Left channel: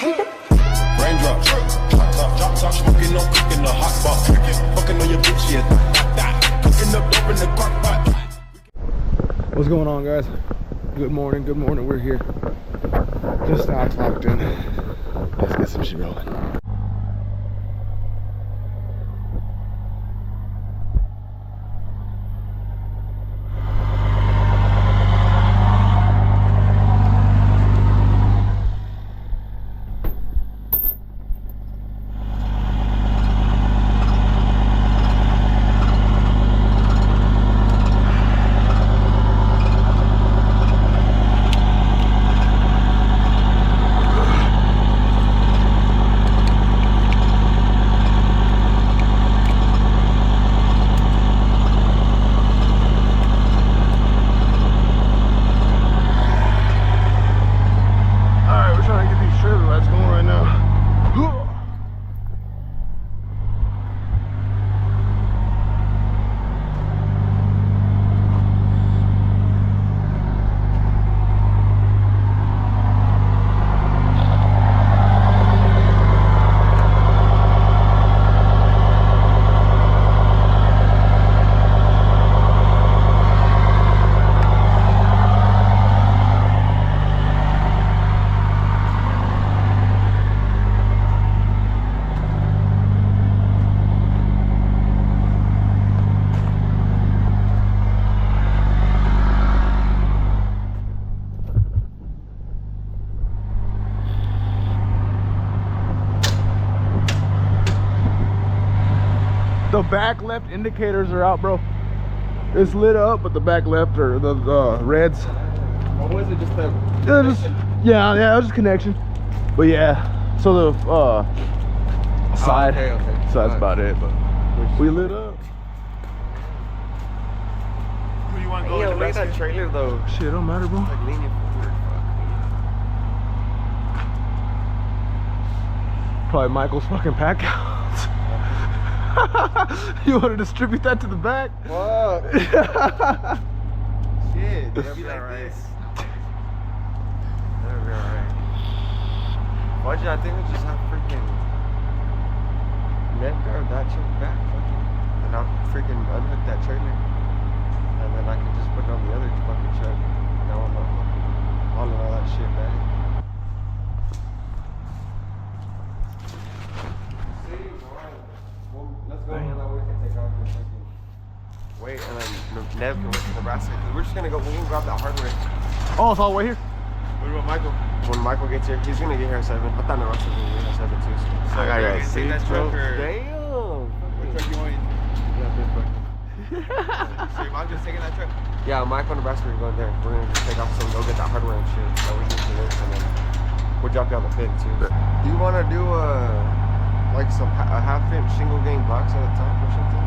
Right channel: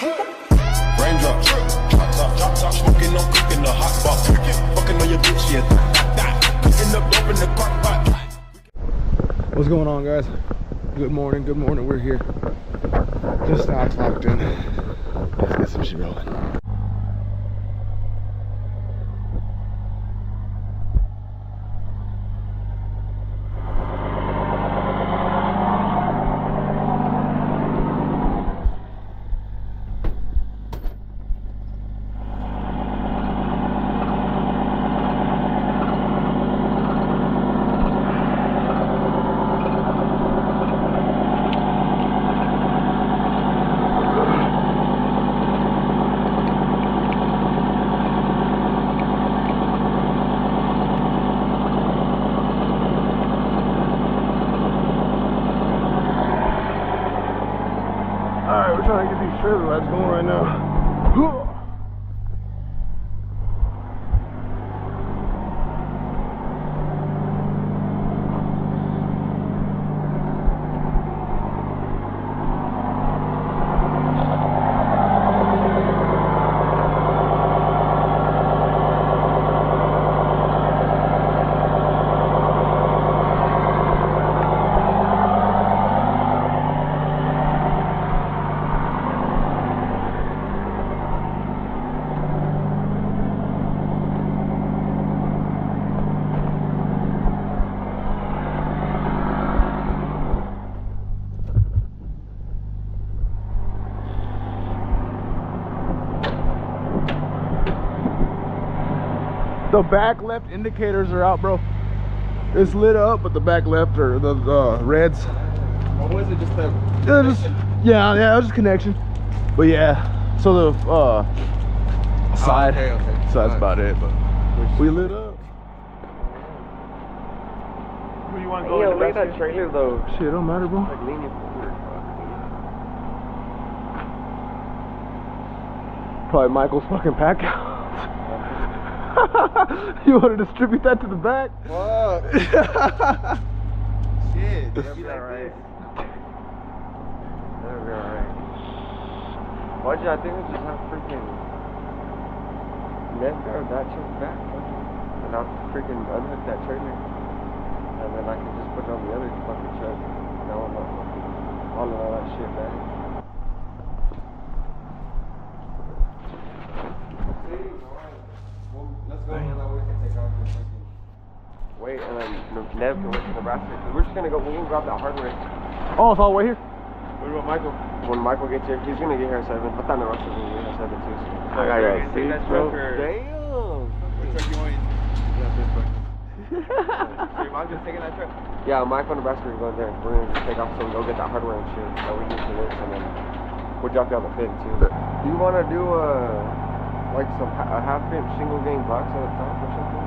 Raindrops, drop top, smoking, no cooking, the hot box. Fucking on your bitch, yeah. Cooking up dope in the crock pot. What's going on, guys? Good morning, good morning. We're here. Just now clocked in. Let's get some shit rolling. The back left indicators are out, bro. It's lit up, but the back left are the reds. What was it? Just the yeah, it was just connection. But yeah, so the side. Oh, okay. So that's about it. But we lit up. Who do you want to go? Yo, look at that trailer though. Shit, it don't matter, bro. Like leaning forward. Probably Michael's fucking pack out. You want to distribute that to the back? What? Shit, that'd be like this. That'd be alright. Why'd you not think we just have freaking net guard that truck back? And I'll freaking unhook that trailer. And then I can just put it on the other fucking truck. Now I'm not fucking hauling all that shit back. Let's go and then we can take off for a second. Wait, and then Nev can wait for Nebraska. We're just gonna go, we're gonna grab that hardware. Oh, it's all the way here? What about Michael? When Michael gets here, he's gonna get here at 7. I thought Nebraska was gonna get here at 7 too. So I gotta see that truck. Damn! What truck you want? Yeah, this one. So your mom just taking that truck? Yeah, Michael and Nebraska are going there. We're gonna just take off some, go get that hardware and shit that we need for this, and then we'll drop you on the pin too. Do you wanna do like a half-inch single gang box at a top or something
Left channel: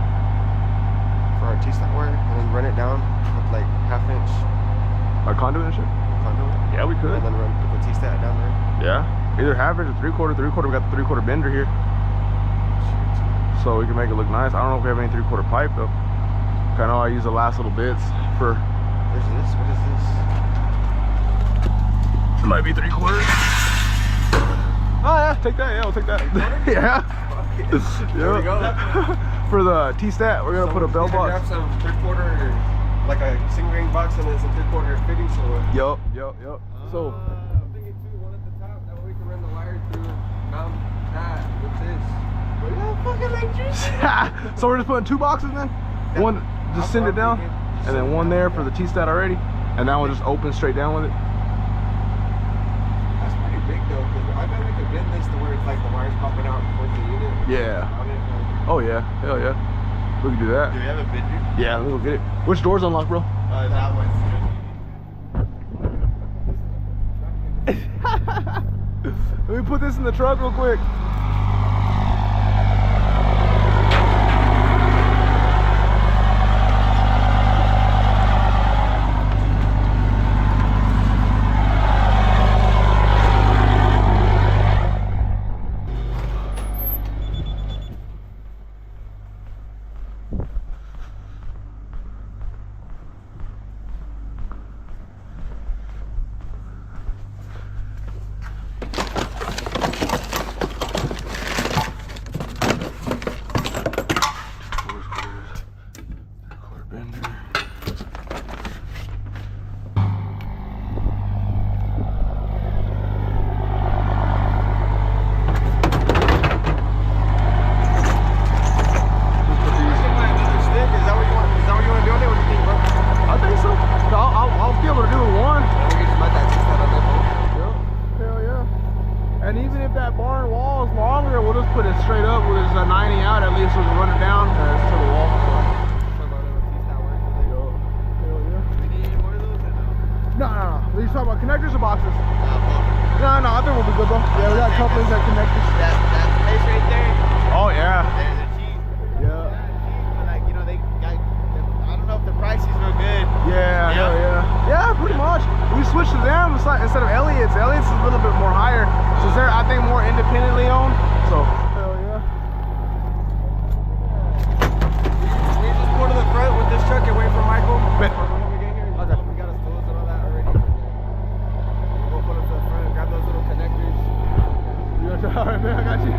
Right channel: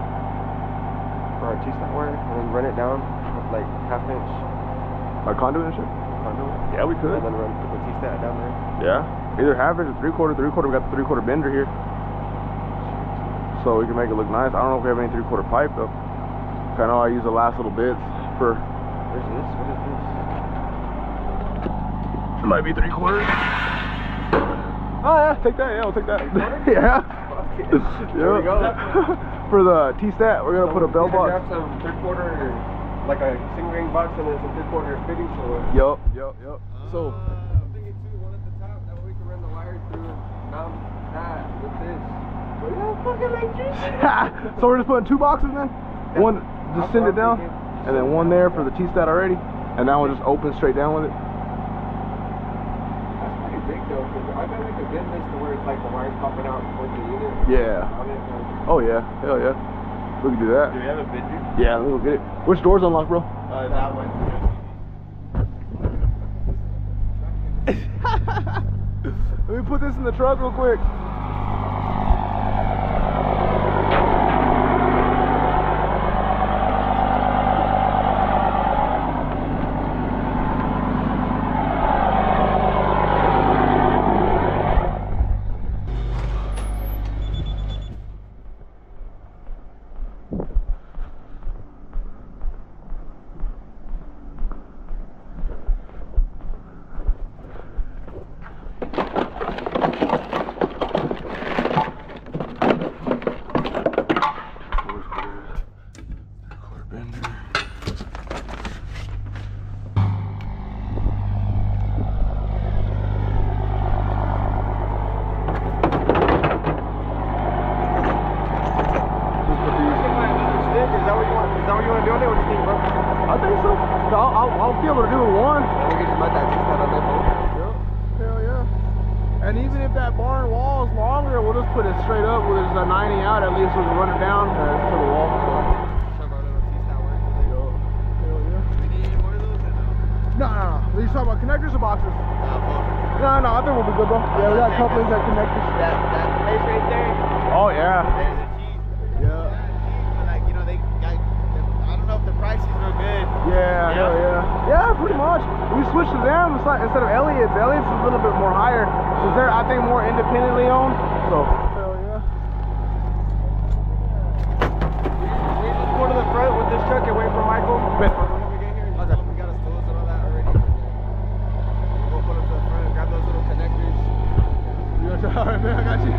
for our T-stat wire, and then run it down with like half-inch Like conduit and shit? conduit? Yeah, we could. And then run the T-stat down there. Yeah. Either half-inch or three-quarter. Three-quarter, we got the three-quarter bender here. So we can make it look nice. I don't know if we have any three-quarter pipe though. I know I use the last little bits for... There's this, what is this? It might be three-quarters. Oh yeah, take that. Yeah, we'll take that. Yeah. There we go. For the T-stat, we're gonna put a bell box. Grab some three-quarter, like a single ring box, and then some three-quarter fitting. So. Yup. So. I'm thinking too, one at the top. That way we can run the wire through and mount that. What's this? What is that fucking electricity? So we're just putting 2 boxes then. One, just send it down, and then one there for the T-stat already, and that one just open straight down with it. Big though, because I bet we could bend this to where it's like the wires popping out towards the unit. Yeah. Oh yeah, hell yeah. We can do that. Do we have a bender? Yeah, let me go get it. Which door's unlocked, bro? That one's Let me put this in the truck real quick. if that barn wall is longer, we'll just put it straight up. We'll just 90 out at least. We can run it down to the wall. No. Are you talking about connectors or boxes? No, I think we'll be good, bro. Yeah, we got couplings and connectors. That place right there. Oh, yeah. There's a cheap. Yeah. But like, you know, they got, I don't know if the prices were good. Yeah, hell yeah. Yeah, pretty much. We switched to them instead of Elliott's. Elliott's is a little bit more higher. Since they're, I think, more independently owned. So, hell yeah. We just go to the front with this truck and wait for Michael. Bet. When we get here, just tell him we got his tools and all that already. We'll go put it to the front, grab those little connectors. All right, man, I got you.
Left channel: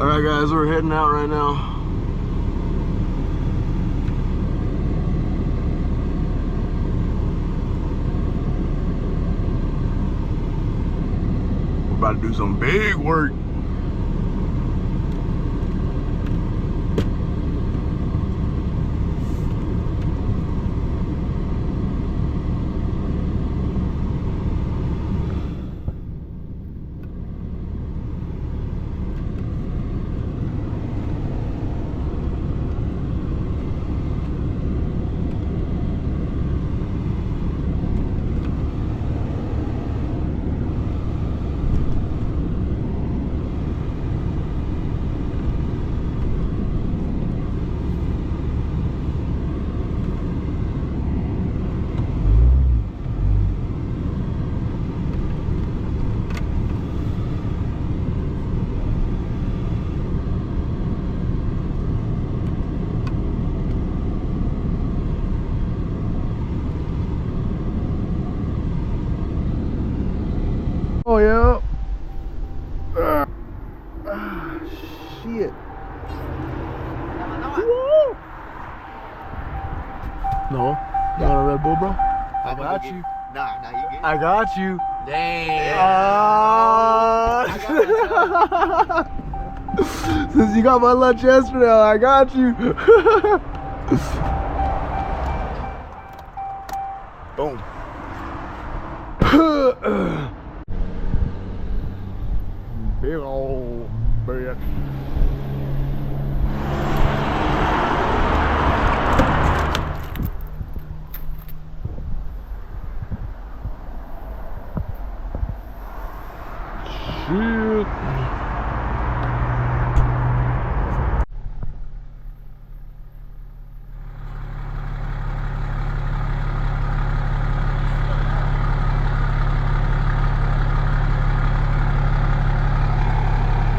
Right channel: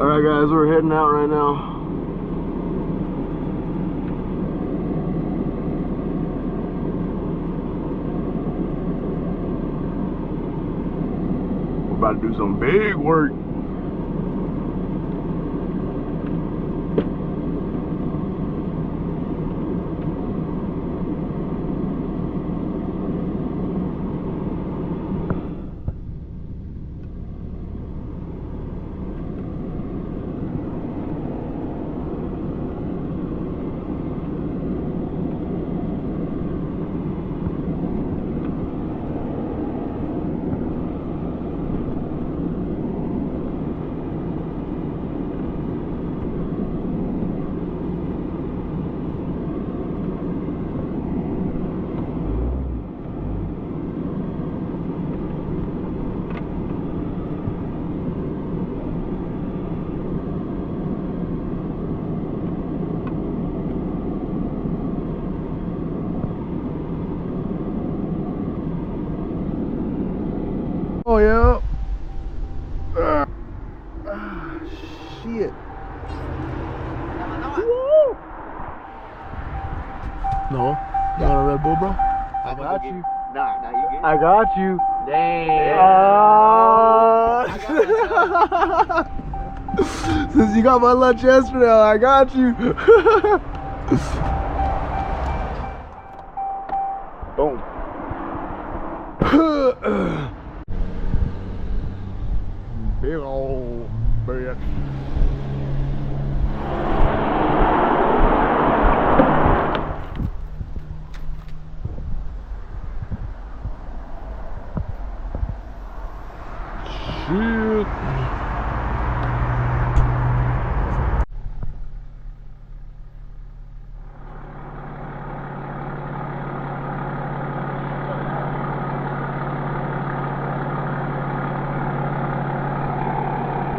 Alright guys, we're heading out right now. We're about to do some big work. Oh yeah. Shit. Woo. No, not a Red Bull, bro. I got you. Nah, you good. I got you. Damn. Since you got my lunch yesterday, I got you. Boom. Big old bitch. Shit.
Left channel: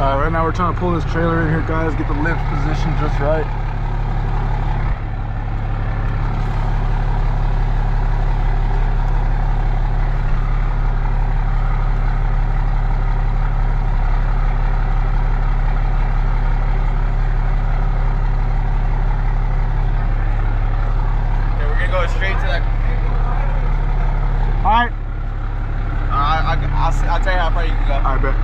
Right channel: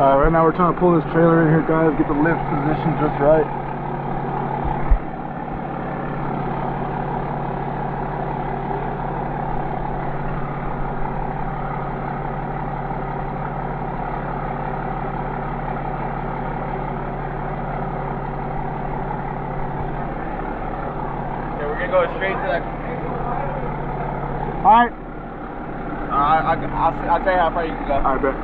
Right now we're trying to pull this trailer in here, guys, get the lift positioned just right. Okay, we're gonna go straight to that. Alright. I'll tell you how far you can go. Alright, bet.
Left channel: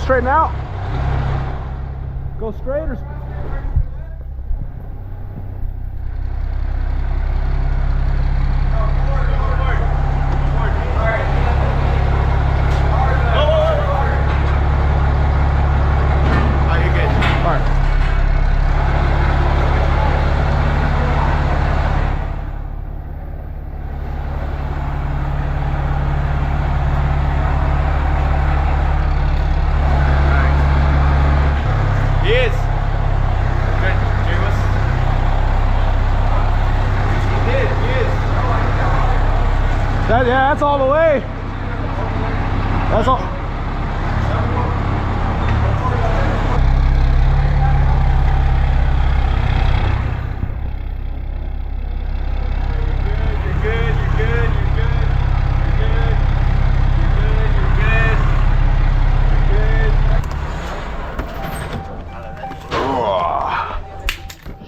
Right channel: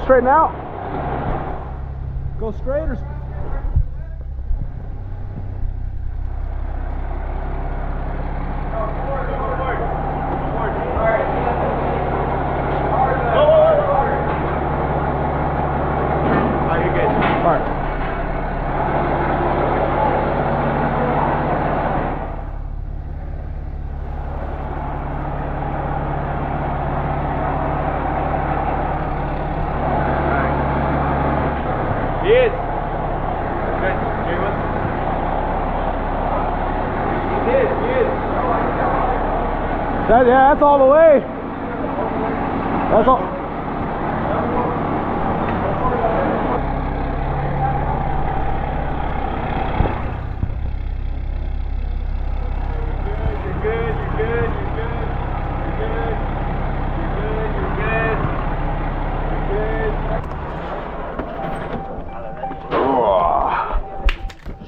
Straighten out. Go straight or Yes. Yeah, that's all the way. That's all.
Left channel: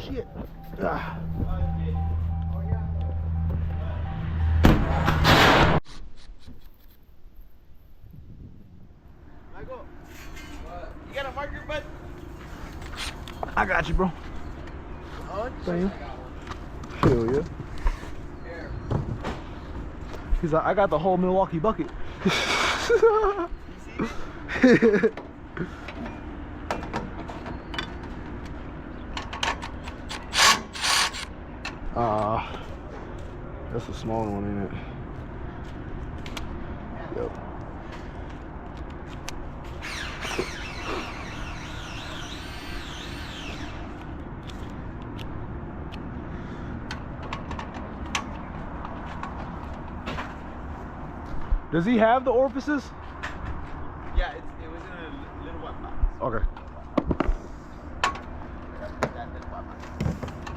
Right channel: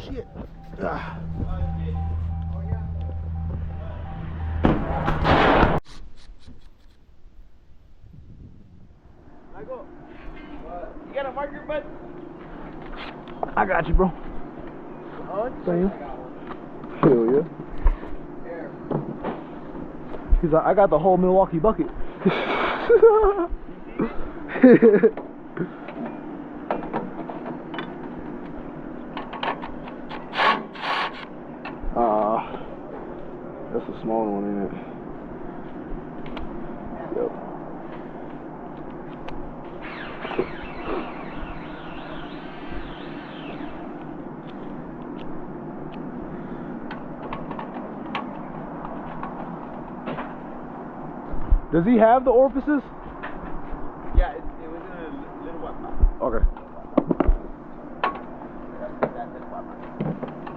Shit. Michael, you got a marker, bud? I got you, bro. Thank you. Hell yeah. He's like, I got the whole Milwaukee bucket. That's a small one, ain't it? Yep. Does he have the orifices? Yeah, it was in a little white box. Okay.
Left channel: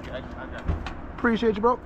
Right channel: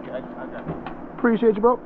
Okay, I got it. Appreciate you, bro.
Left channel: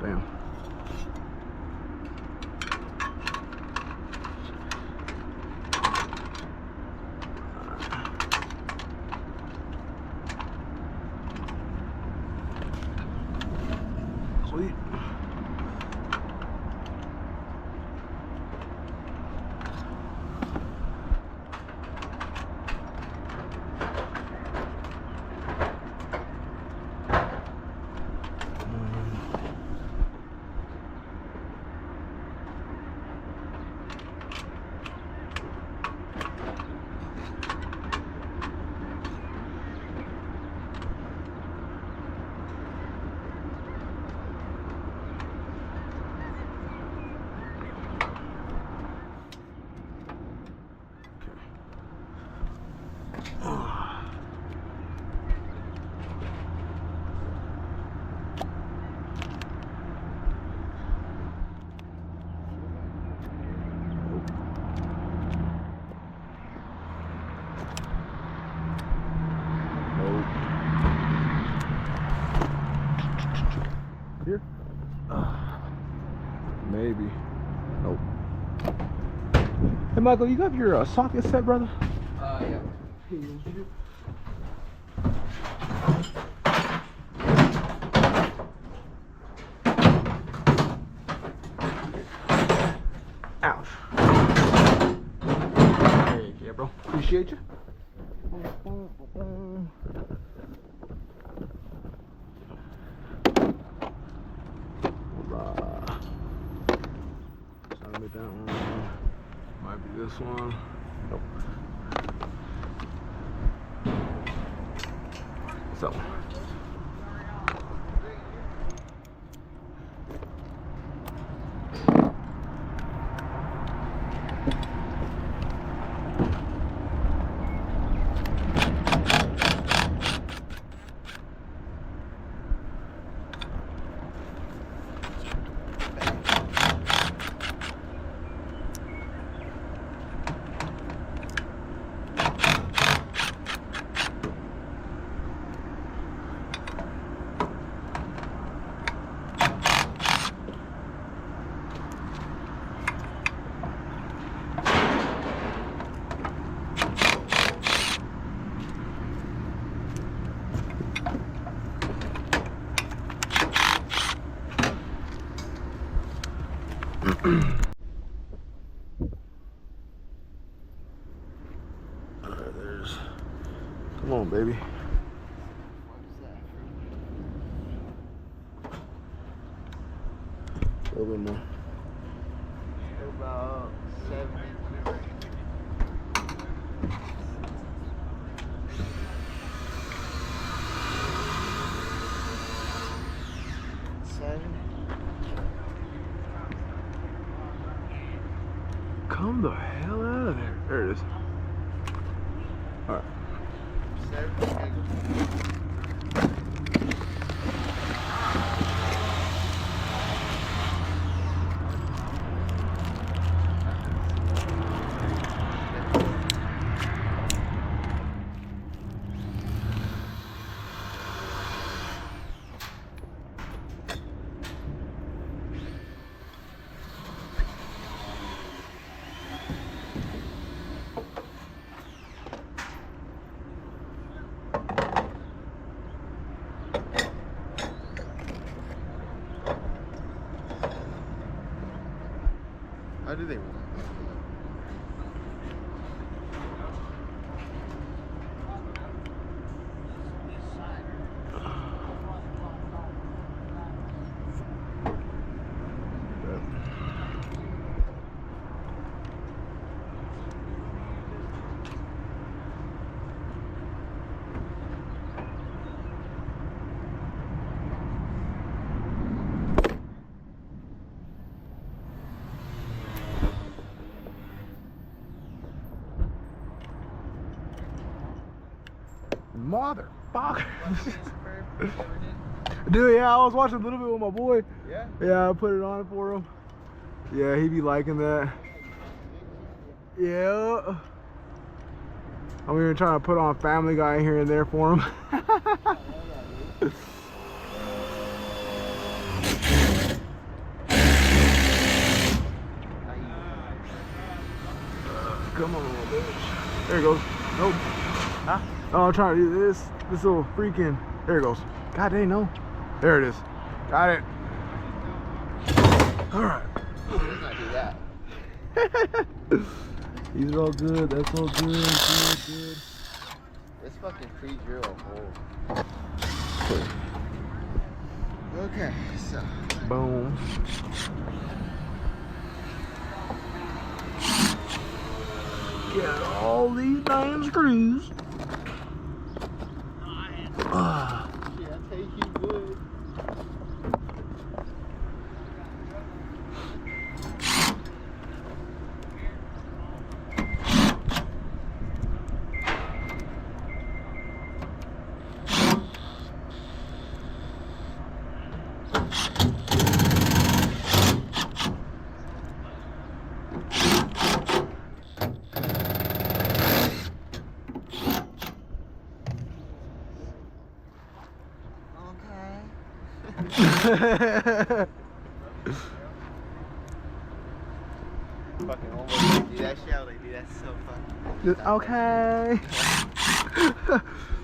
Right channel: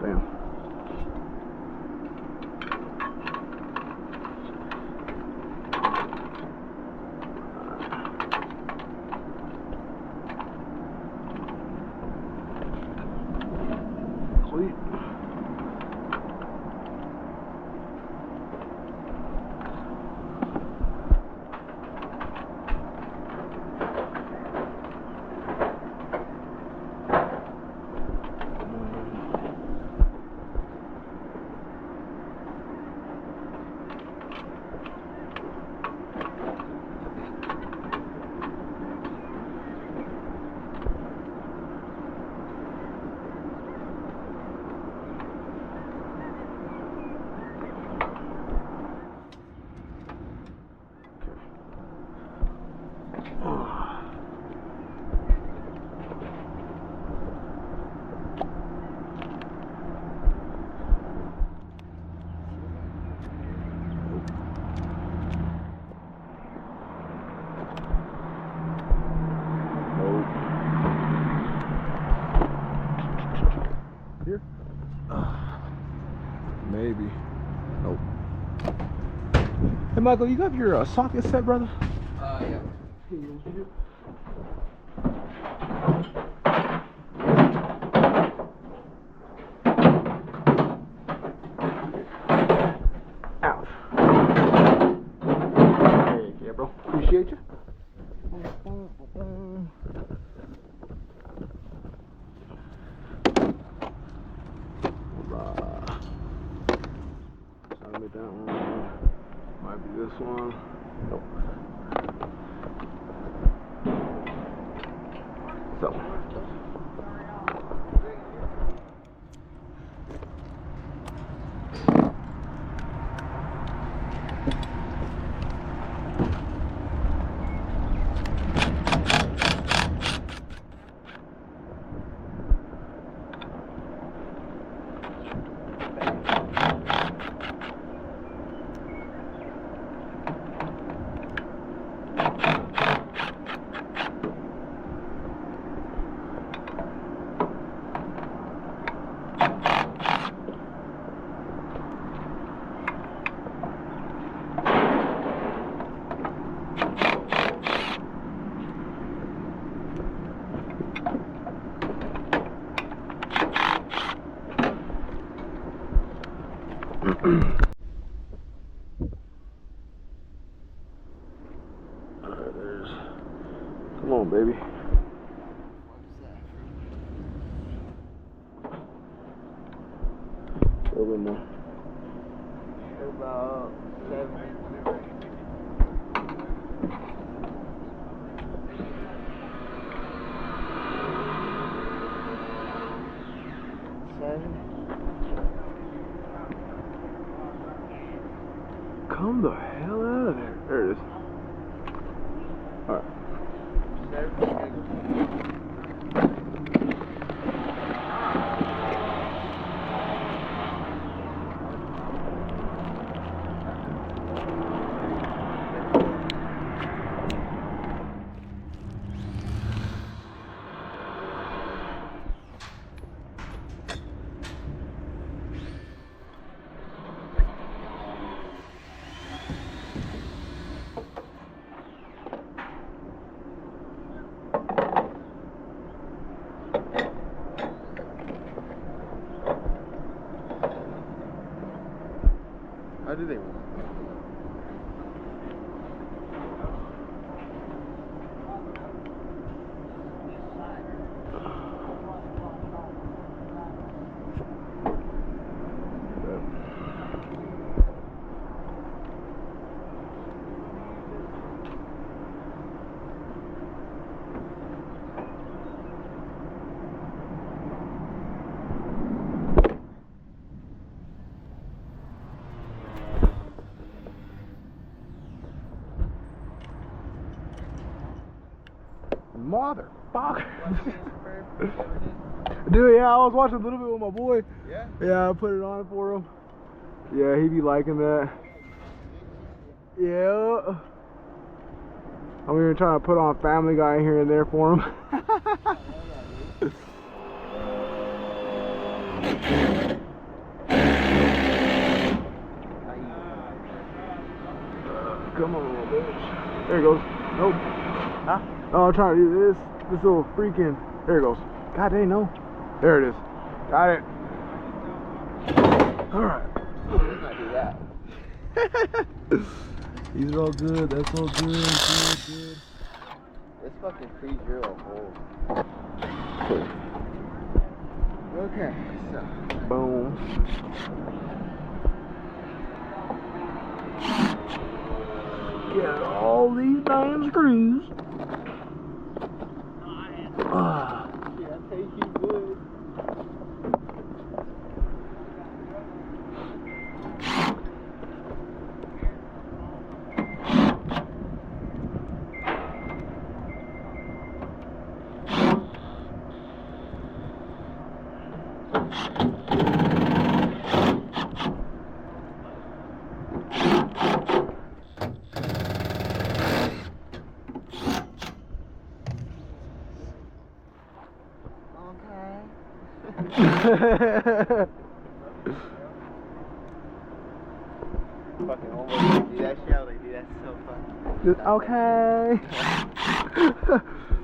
Damn. Sweet. Here? Maybe. Nope. Hey, Michael, you got your socket set, brother? Yeah. Here you go. Ouch. Hey, yeah, bro. Appreciate you. That one might be this one. Nope. So. Alright, there's. Come on, baby. A little bit more. About 7. 7. Come the hell out of there. There it is. Alright. 7. How do they run? Motherfucker. Dude, yeah, I was watching a little bit with my boy. Yeah? Yeah, I put it on for him. Yeah, he be liking that. Yeah. I'm even trying to put on Family Guy here and there for him. Come on, bitch. There it goes. Nope. Huh? Oh, I'm trying to do this little freaking. There it goes. God dang, no. There it is. Got it. All right. Let's not do that. These are all good. That's all good. Good. Let's fucking pre-drill a hole. Okay, so. Boom. Get all these damn screws. Yeah, I take you good. Fucking almost do that shit. I was like, dude, that's so funny. Okay.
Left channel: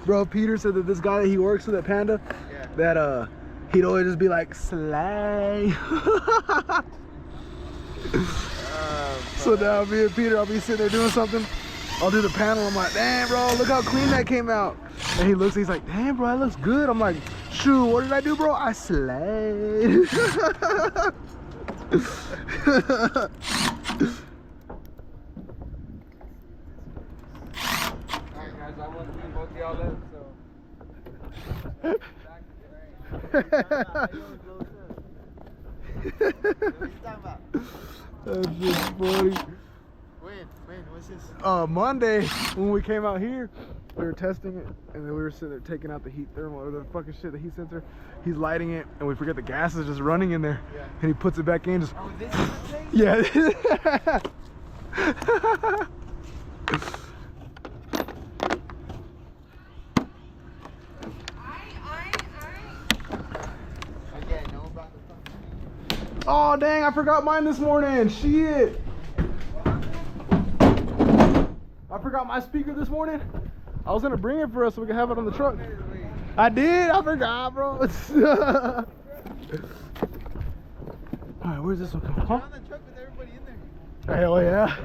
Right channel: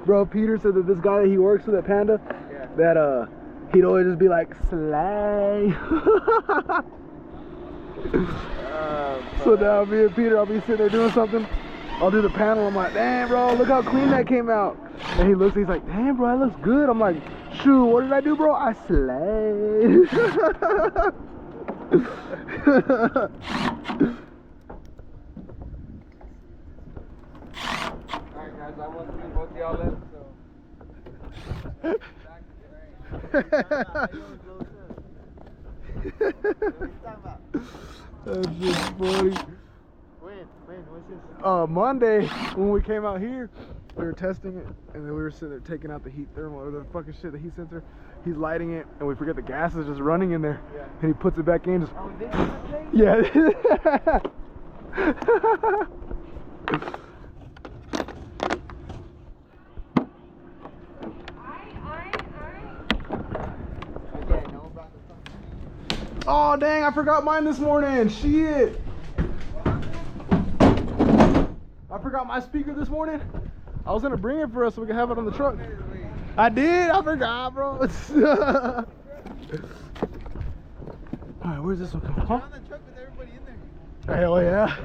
Bro, Peter said that this guy that he works with at Panda, Yeah. that he'd always just be like, slay. So now me and Peter, I'll be sitting there doing something. I'll do the panel. I'm like, damn, bro, look how clean that came out. And he looks, he's like, damn, bro, that looks good. I'm like, shoot, what did I do, bro? I slayed. Alright, guys, I want to do both y'all left, That's just funny. When? What's this? Monday, when we came out here, we were testing it, and then we were sitting there taking out the heat thermal, or the fucking shit, the heat sensor. He's lighting it, and we forget the gas is just running in there. Yeah. And he puts it back in, just. Oh, this is the thing? Yeah. Oh dang, I forgot mine this morning. Shit. I forgot my speaker this morning. I was gonna bring it for us so we can have it on the truck. I did, I forgot, bro. Alright, where's this one coming from? On the truck with everybody in there. Hell yeah.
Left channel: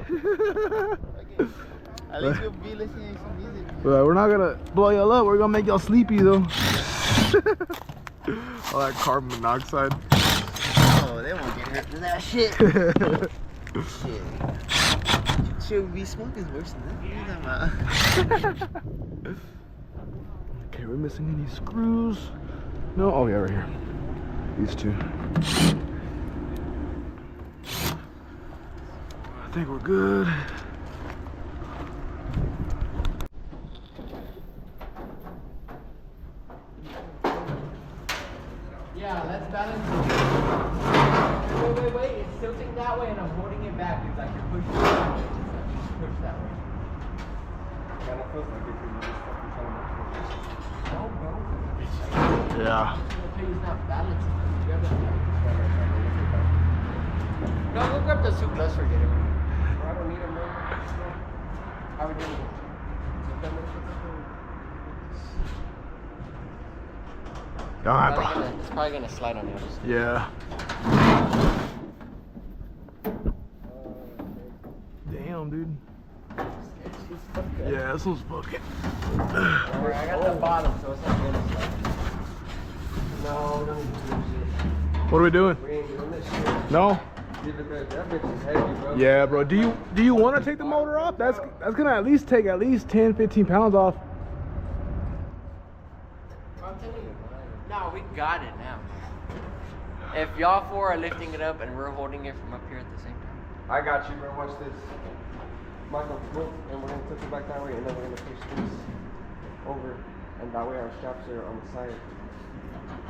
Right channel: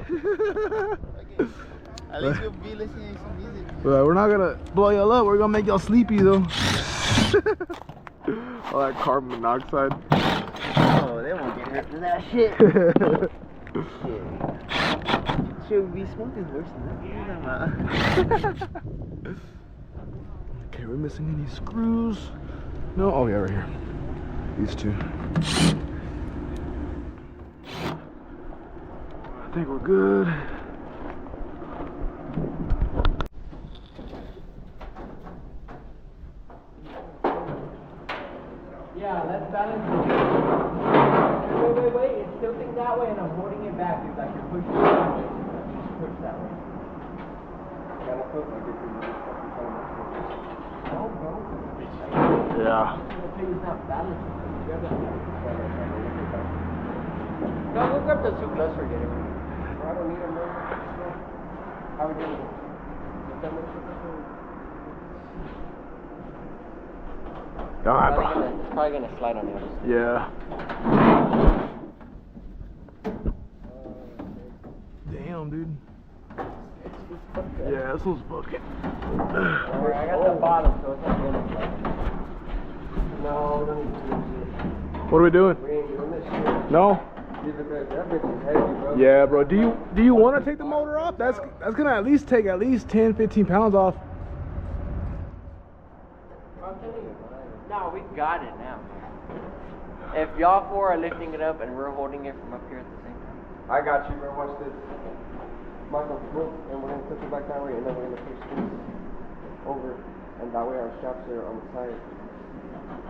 At least you'll be listening to some music. Well, we're not gonna blow y'all up. We're gonna make y'all sleepy though. All that carbon monoxide. Oh, they won't get hurt for that shit. Shit. Should be smoking worse than that. Okay, we're missing any screws. No, oh yeah, right here. These two. I think we're good. Yeah, let's balance it. Wait. It's tilting that way and I'm holding it back. It's like you're pushing it back. Push that way. No, bro. Yeah. It's not balancing. No, go grab the soup. Let's forget it. I don't need them, bro. How we doing? Alright, bro. It's probably gonna slide on you. Yeah. Damn, dude. Yeah, this one's fucking. Alright, I got the bottom, so it's not gonna slide. No. What are we doing? We ain't doing this shit. No? That bitch is heavy, bro. Yeah, bro. Do you want to take the motor off? That's gonna at least take 10-15 pounds off. I'm telling you. No, we got it now. If y'all four are lifting it up and we're holding it from up here at the same time. I got you, bro. Watch this. Michael, go, and we're gonna tilt it back that way, and then we're gonna push this over, and that way our straps are on the side,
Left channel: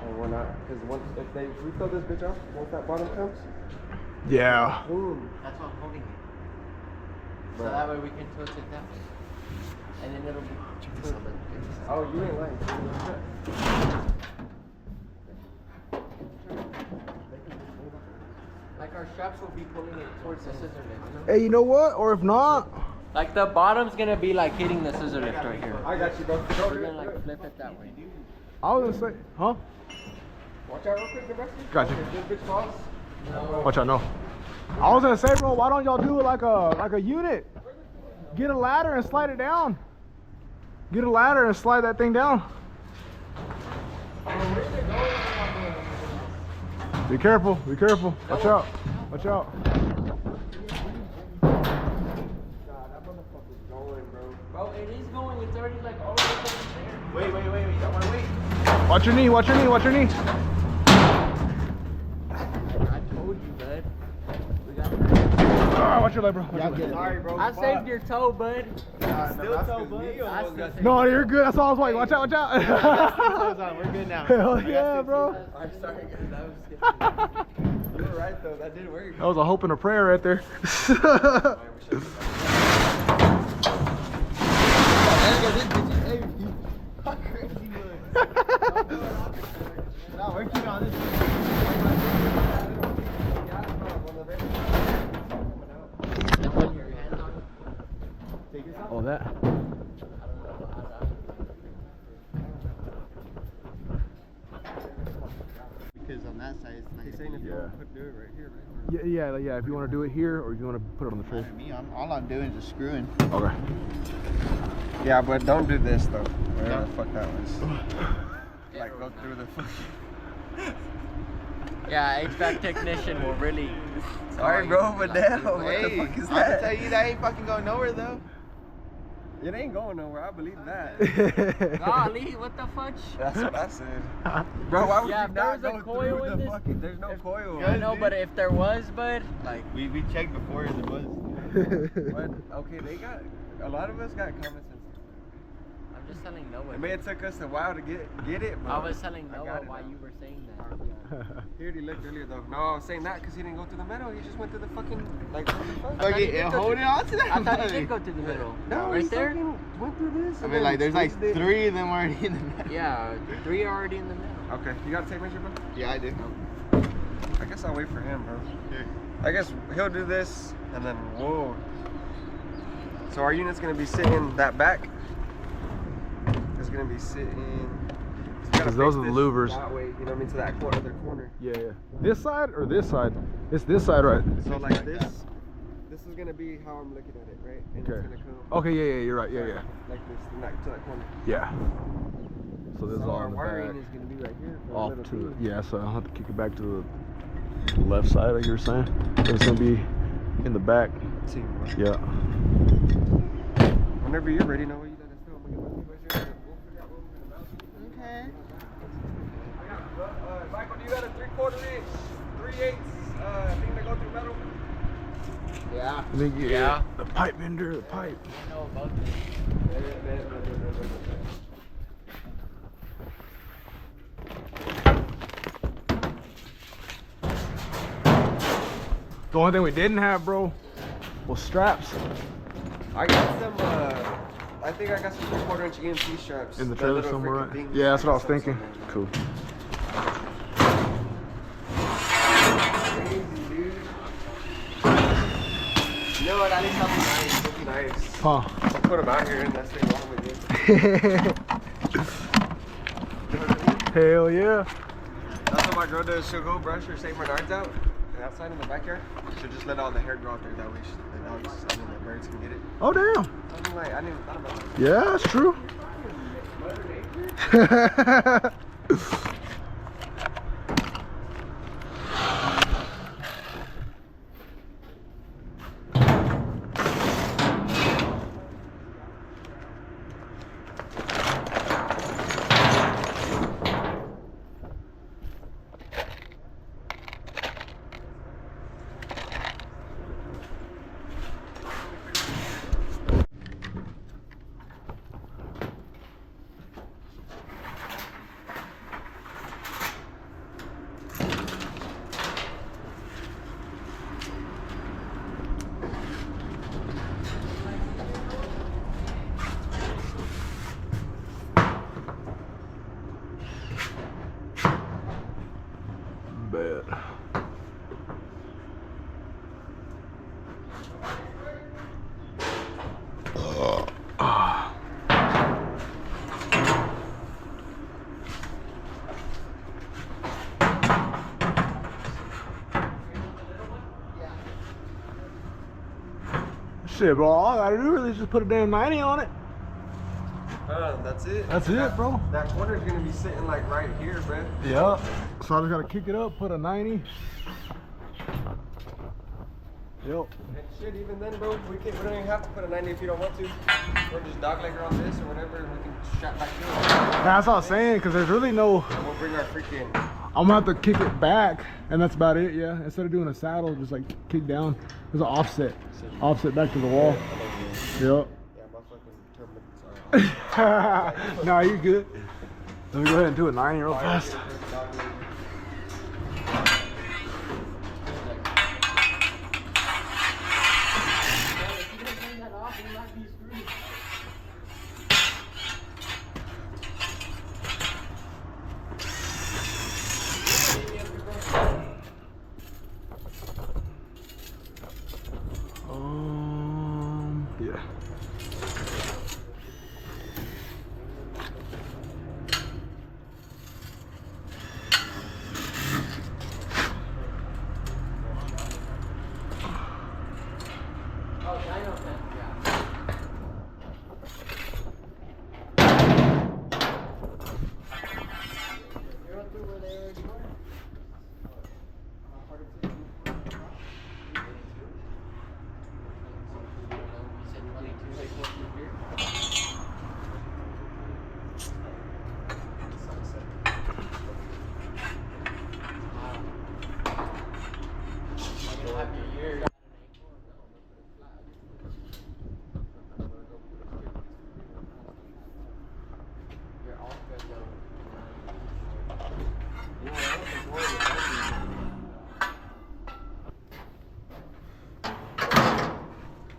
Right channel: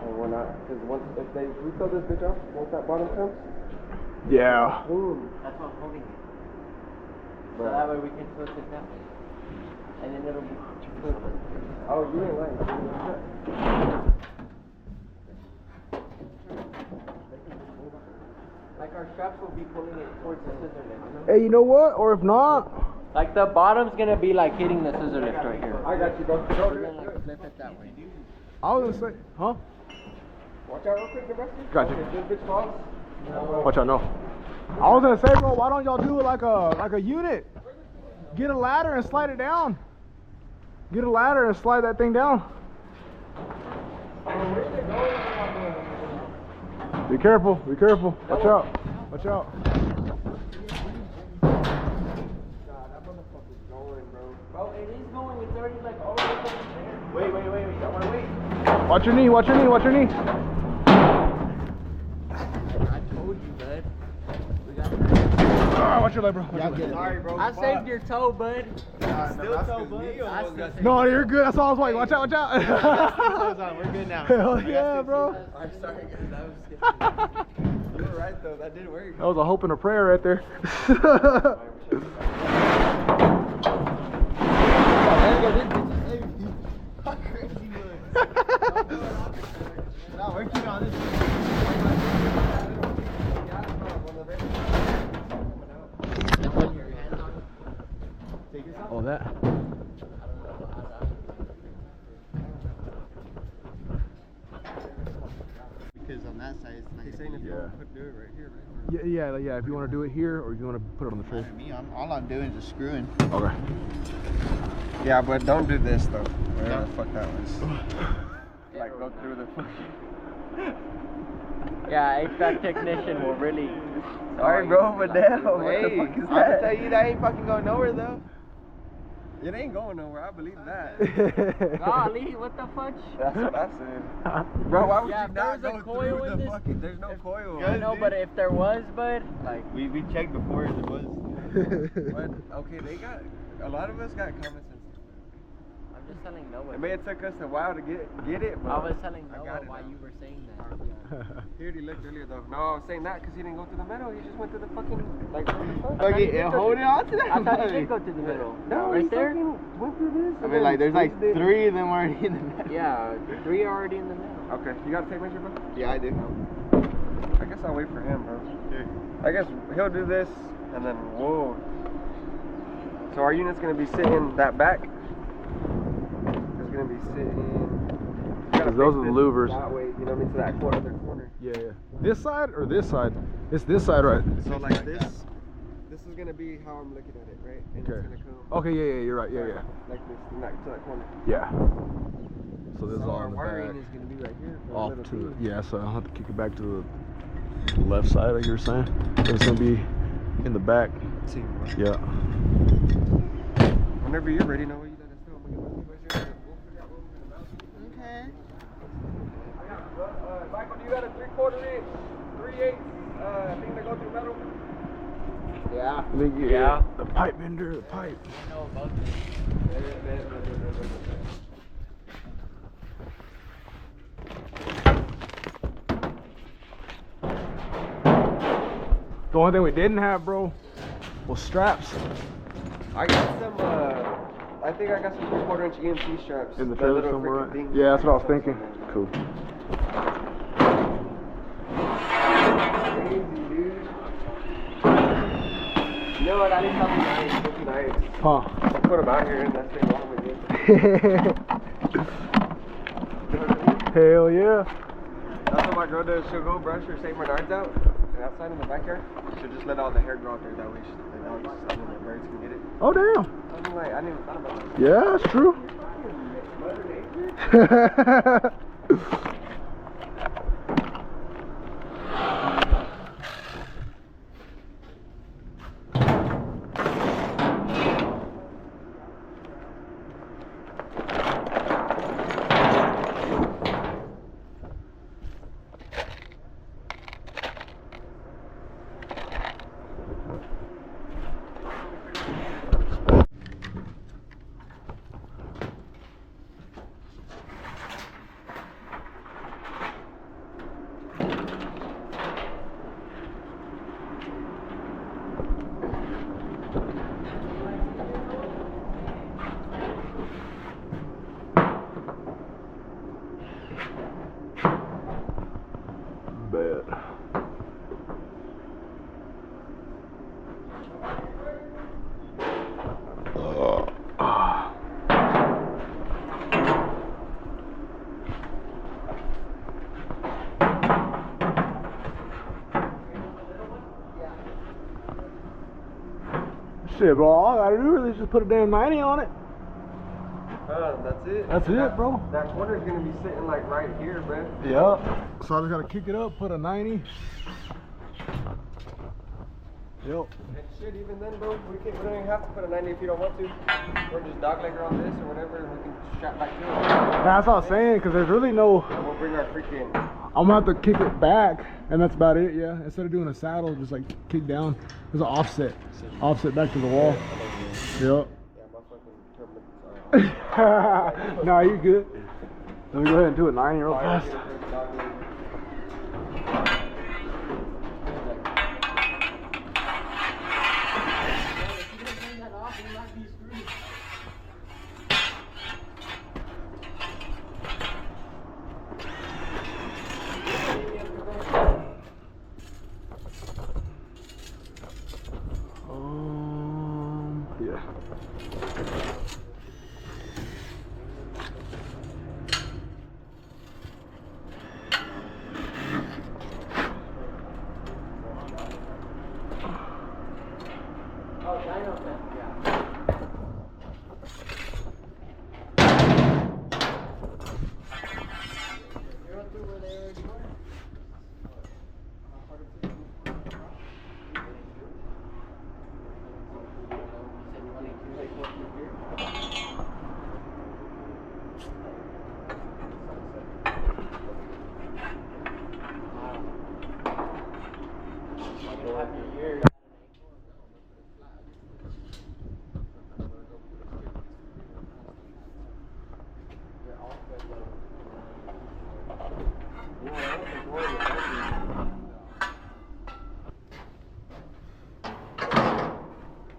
and we're not, because if we throw this bitch off, once that bottom comes, Yeah. boom. That's why I'm holding it. So that way we can tilt it that way. And then it'll be tilted. Oh, you ain't lying. Like our straps will be pulling it towards the scissor lift. Hey, you know what? Or if not, Like the bottom's gonna be like hitting the scissor lift right here. I got you, bro. We're gonna like flip it that way. I was gonna say, huh? Watch out real quick, Sebastian. Got you. If this bitch falls, Watch out, no. I was gonna say, bro, why don't y'all do it like a unit? Get a ladder and slide it down. Get a ladder and slide that thing down. Be careful, be careful. Watch out, watch out. God, that motherfucker's going, bro. Bro, it is going. It's already like all the way over there. Wait. I wanna wait. Watch your knee, watch your knee, watch your knee. I told you, bud. We got Watch your leg, bro. Watch your leg. Sorry, bro. I saved your toe, bud. Still toe, bud. No, you're good. That's all I was waiting. Watch out, watch out. We're good now. Hell yeah, bro. I'm sorry, guys. That was You were right, though. That did work. That was a hope and a prayer right there. No, we're keeping on this. Oh, that. Because on that side, it's He's not saying if you Yeah. want to do it right here, right? Yeah. If you want to do it here, or if you want to put it on the tray. me. All I'm doing is just screwing. Okay. Yeah, but don't do this, though. Whatever the fuck that was. Like, go through the fucking... Yeah, HVAC technician will really. Sorry, bro, but damn, what the Hey, fuck is I'm gonna that? tell you that ain't fucking going nowhere though. It ain't going nowhere, I believe that. Golly, what the fudge? That's what I said. Bro, why would Yeah, you if not there go was a coil through in the this- fucking... There's no coil. I know, but if there was, bud, like. We checked before there was. But, okay, they got... A lot of us got common sense. I'm just telling Noah. It may have took us a while to get it, but... I was telling I Noah got it why now. you were saying that. He already looked earlier, though. No, I was saying that because he didn't go through the middle. He just went through the fucking... Like, what the fuck? Okay, hold it on to that. I thought you did go to the middle. No, right he there? fucking went through this. I and mean, like, then there's like squeezed it. 3 of them already in the middle. Yeah, 3 are already in the middle. Okay, you got a tape measure, bro? Yeah, I do. I guess I'll wait for him, bro. I guess he'll do this, and then whoa. So our unit's gonna be sitting that back. It's gonna be sitting Because those are the louvers. That way, you know what I mean, to that other corner. Yeah, yeah. This side or this side? It's this side, right? So like this is gonna be how I'm looking at it, right? And Okay. it's gonna come. Okay, yeah, you're right. Yeah, yeah. Like this, to that corner. Yeah. So this is So all our in the wiring back. is gonna be right here. For a Off little to thing. yeah, so I'll have to kick it back to the left side, like you were saying. It's gonna be in the back. Teamwork. Yeah. Whenever you're ready, know what you let us know. We'll figure out what we're gonna mount. Okay. Michael, do you got a 3/4 inch, 3/8 thing to go through metal? Yeah. I think Yeah. the pipe bender, the pipe. I know about this. The only thing we didn't have, bro, was straps I got some. I think I got some 3/4 inch EMT straps. in the That trailer little somewhere, freaking right? thing. Yeah, that's what I was Some thinking. somewhere. Cool. Crazy, dude. You know what? I need something nice. Something nice. Huh. I'll put them out here and that's the wrong with it. You know what I mean? Hell yeah. That's what my girl does. She'll go brush her St. Bernards out and outside in the backyard. She'll just let all the hair grow out there. That way the dogs, I mean, the birds can get it. Oh, damn. I'm like, I didn't even thought about that. Yeah, that's true. Mother Nature? Bad. Shit, bro, all I gotta do really is just put a damn 90 on it. That's it. That's it, bro. That corner's gonna be sitting like right here, bro. Yep. So I just gotta kick it up, put a 90. Yep. And shit, even then, bro, we don't even have to put a 90 if you don't want to. Or just dogleg her on this or whatever, and we can strap back to it. That's what I was saying, because there's really no. And we'll bring our freaking. I'm gonna have to kick it back, and that's about it, yeah. Instead of doing a saddle, just like kick down. There's an offset. Offset back to the wall. Yep. Yeah, my fucking turbines are. Nah, you good. Let me go ahead and do a 90 real fast. Yeah.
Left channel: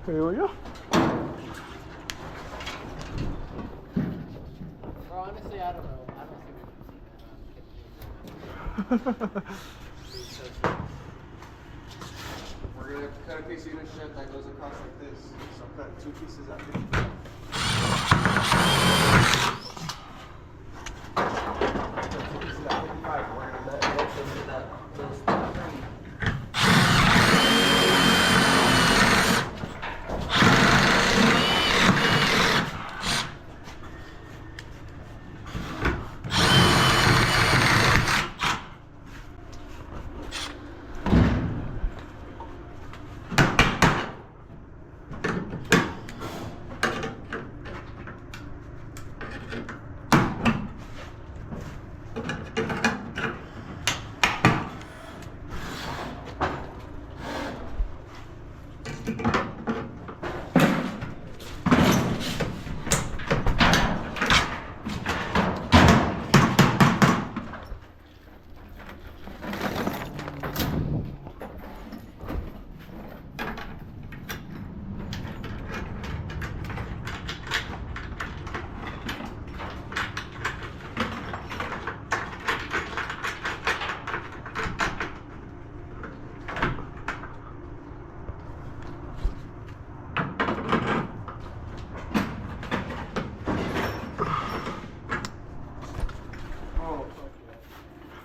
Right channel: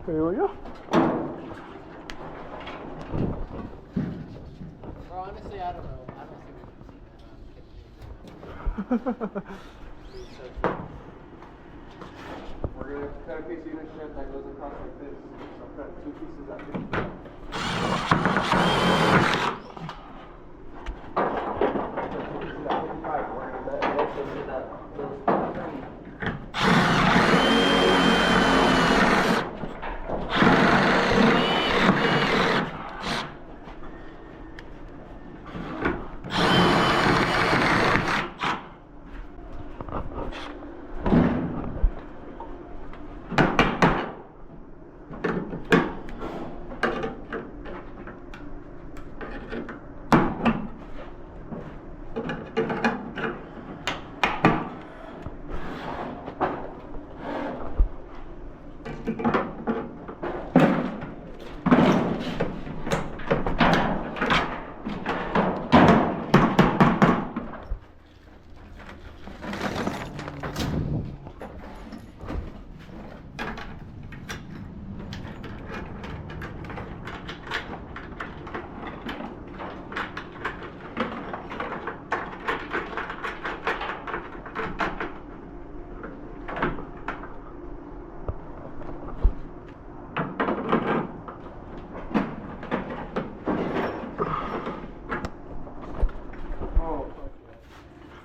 Hell yeah. Bro, honestly, I don't know. I don't think We're gonna cut a piece of unit strip that goes across like this. So I'm cutting 2 pieces out here.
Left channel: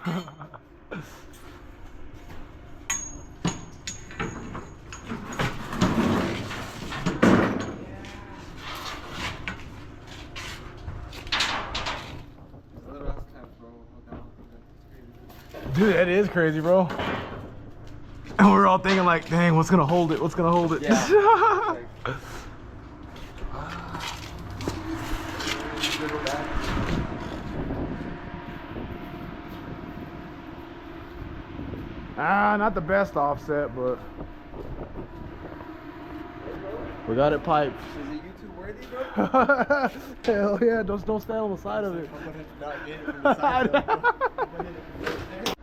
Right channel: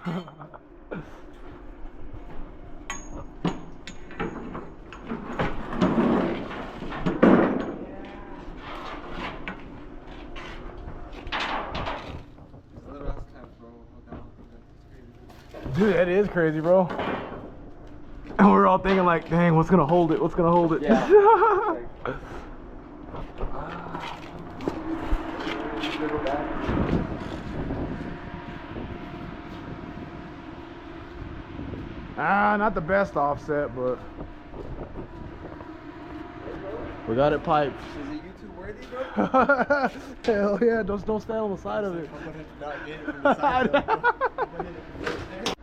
Dude, that is crazy, bro. And we're all thinking like, dang, what's gonna hold it? What's gonna hold it? Yeah. Not the best offset, but we got it piped. Is it YouTube worthy, bro? Hell yeah, just don't stand on the side of it. I'm gonna not get it from the side though, bro. I'm gonna hit it right there.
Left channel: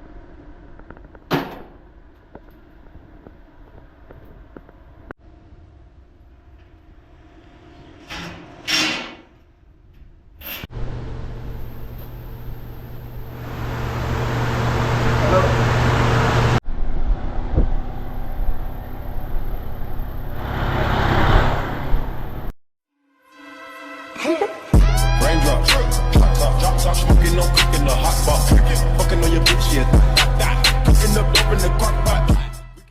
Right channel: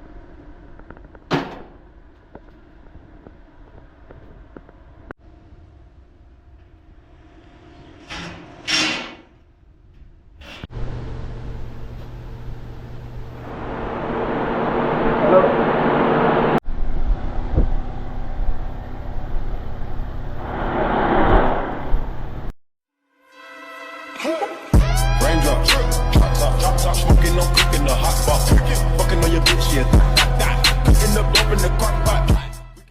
Raindrop, drop top, smoking, no cooking, the hot pot. Fucking on your bitch, yeah, cooking up dope in the crock pot.